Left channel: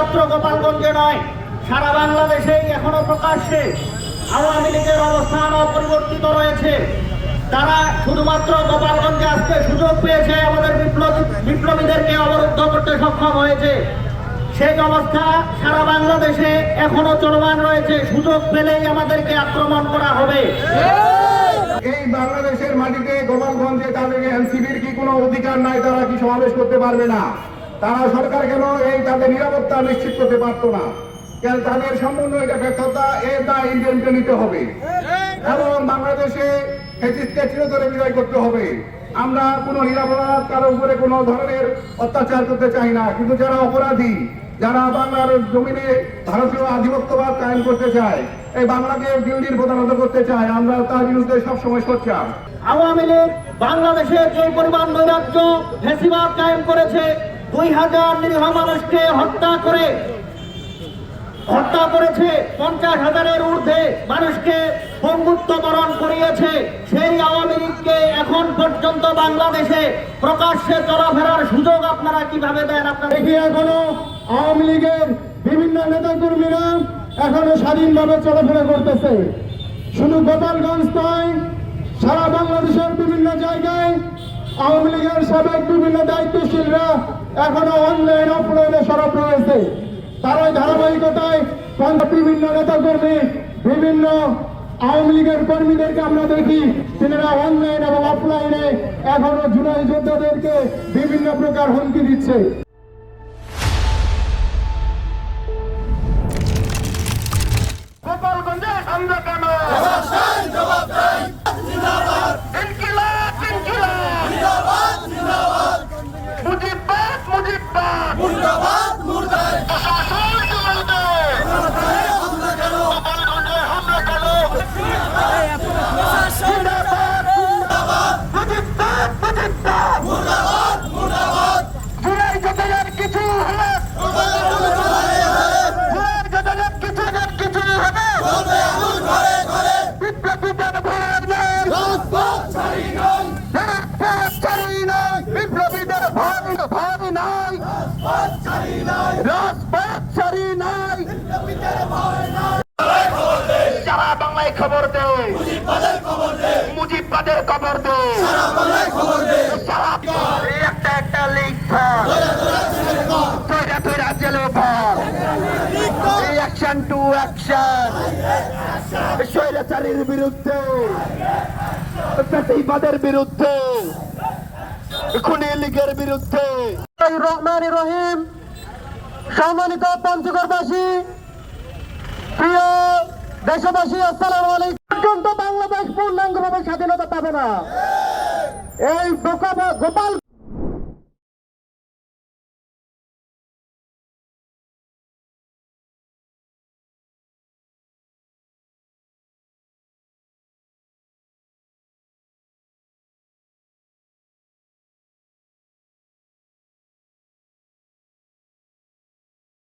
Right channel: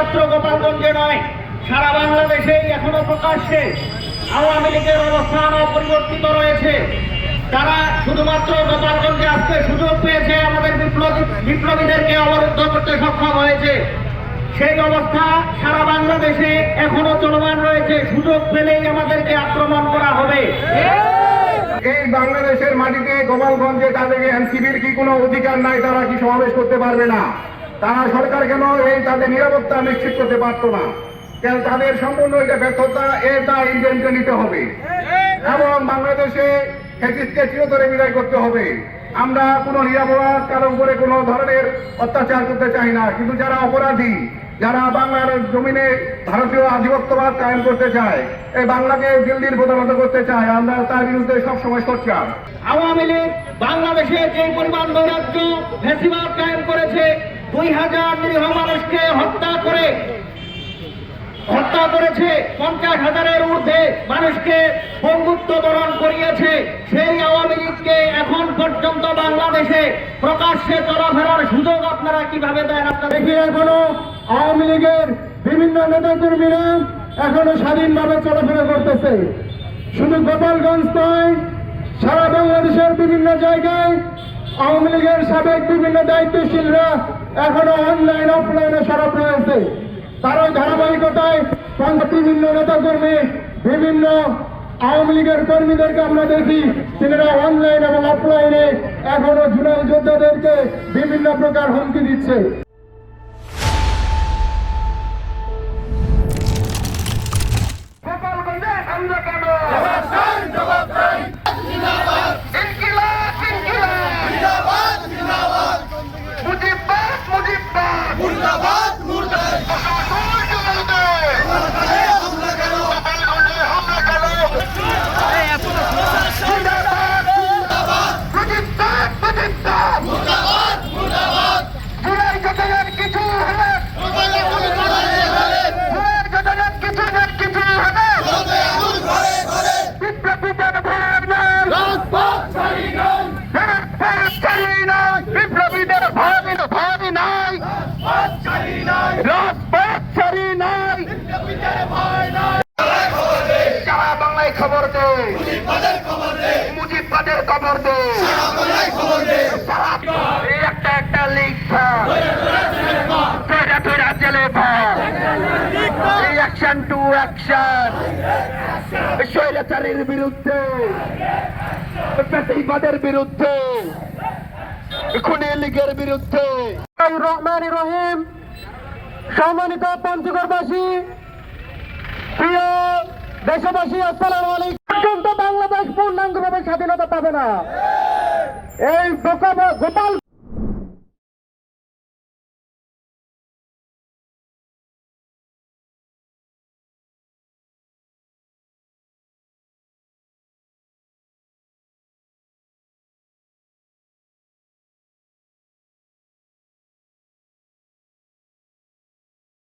শুধুমাত্র গোপালগঞ্জে নয়, সারা বাংলাদেশেই এখনো প্রকাশ্যে আওয়ামী লীগের অবস্থান অপরিবর্তিত রয়েছে। তারা শুধুমাত্র গোপালগঞ্জে আজকে সুযোগ পেয়েছে, আমাদের বিপ্লবীদেরকে অবরুদ্ধ করতে সক্ষম হয়েছে। সেই অবস্থা সারা বাংলাদেশে এখনো চলমান রয়েছে। সুযোগ পেলেই আমাদেরকে আক্রমণ করা হবে। এই বাংলাদেশের মাটিতে গোপালগঞ্জে তাদের এনসিবির কি কোনো অধিকার নাই? তারা কি সমাবেশ করতে পারবে না? তারা সরকার কেন এই তাদের নিরাপত্তা নিশ্চিত করতে পারতো না? কেন তাদের সম্পূর্ণ এটা ব্যর্থতা, এর দায় ইন্ডিয়ানকে নিতে হবে এবং বাংলাদেশে ফ্যাসিস্টকে চিরতরে বিদায় করতে হবে। আমরা কোনো নিরাপরাধ কারো উপরে কোনো ধরনের অত্যাচার করতে চাই না, কিন্তু যারা অপরাধী, যারা বাংলার জমিনে ভারতীয় আধিপত্যবাদ কায়েম করতে চায়, এই বাংলাকে দিল্লির প্রধানত করতে চায়, আমরা তার বিরুদ্ধে সবসময় সোচ্চার। আওয়ামী লীগ বাংলাদেশে যে পরিমাণ নৈরাজ্য ফ্যাসিবাদ কায়েম করেছে, 2000 নিরীহ মানুষকে হত্যা করেছে, 50,000-এর ঊর্ধ্বে মানুষকে বঙ্গুত্ব বরণ করিয়েছে। সেই আওয়ামী লীগকে এখন পর্যন্ত বাংলাদেশে প্রকাশ্যে চলাফেরার সুযোগ আপনারা কিভাবে দেন? আপনারা দেখি এখনো আওয়ামী লীগের বিভিন্ন নেতাকর্মীরা এখনো স্বাধীনভাবে চলাফেরা করতেছে। শুধু গোপালগঞ্জ নয়, সারা বাংলাদেশের বিভিন্ন জায়গায় আওয়ামী লীগের সাবেক বিভিন্ন দায়িত্বশীলরা এখনো অনলাইন অফলাইনে সরব রয়েছে। তারা ধারাবাহিকতায় বিভিন্ন নেতাকর্মী, বিভিন্ন আওয়ামী লীগের কর্মীদেরকে আমরা দেখি তিনারা অনলাইন এবং অফলাইনে এখনো জুলাই যোদ্ধাদেরকে বিভিন্ন প্রকার হুমকি দিচ্ছে। গোপালগঞ্জে আমরা কেন? সারা বাংলায় খবর দে, মুজিববাদের খবর দে, একটা একটা লিগ জেলে অ্যাকশন টু অ্যাকশন, স্বৈরাচারীর বিরুদ্ধে, ফ্যাসিবাদের বিরুদ্ধে, খুনি লীগের বিরুদ্ধে। রহমান রহিম, সম্মানিত পঞ্চগড়বাসী, প্রিয় দেশবাসী, আসসালামু আলাইকুম। পর্যন্ত বাংলাদেশ পূর্ণাঙ্গভাবে স্বাধীনতা পাবে না। এই গোপাল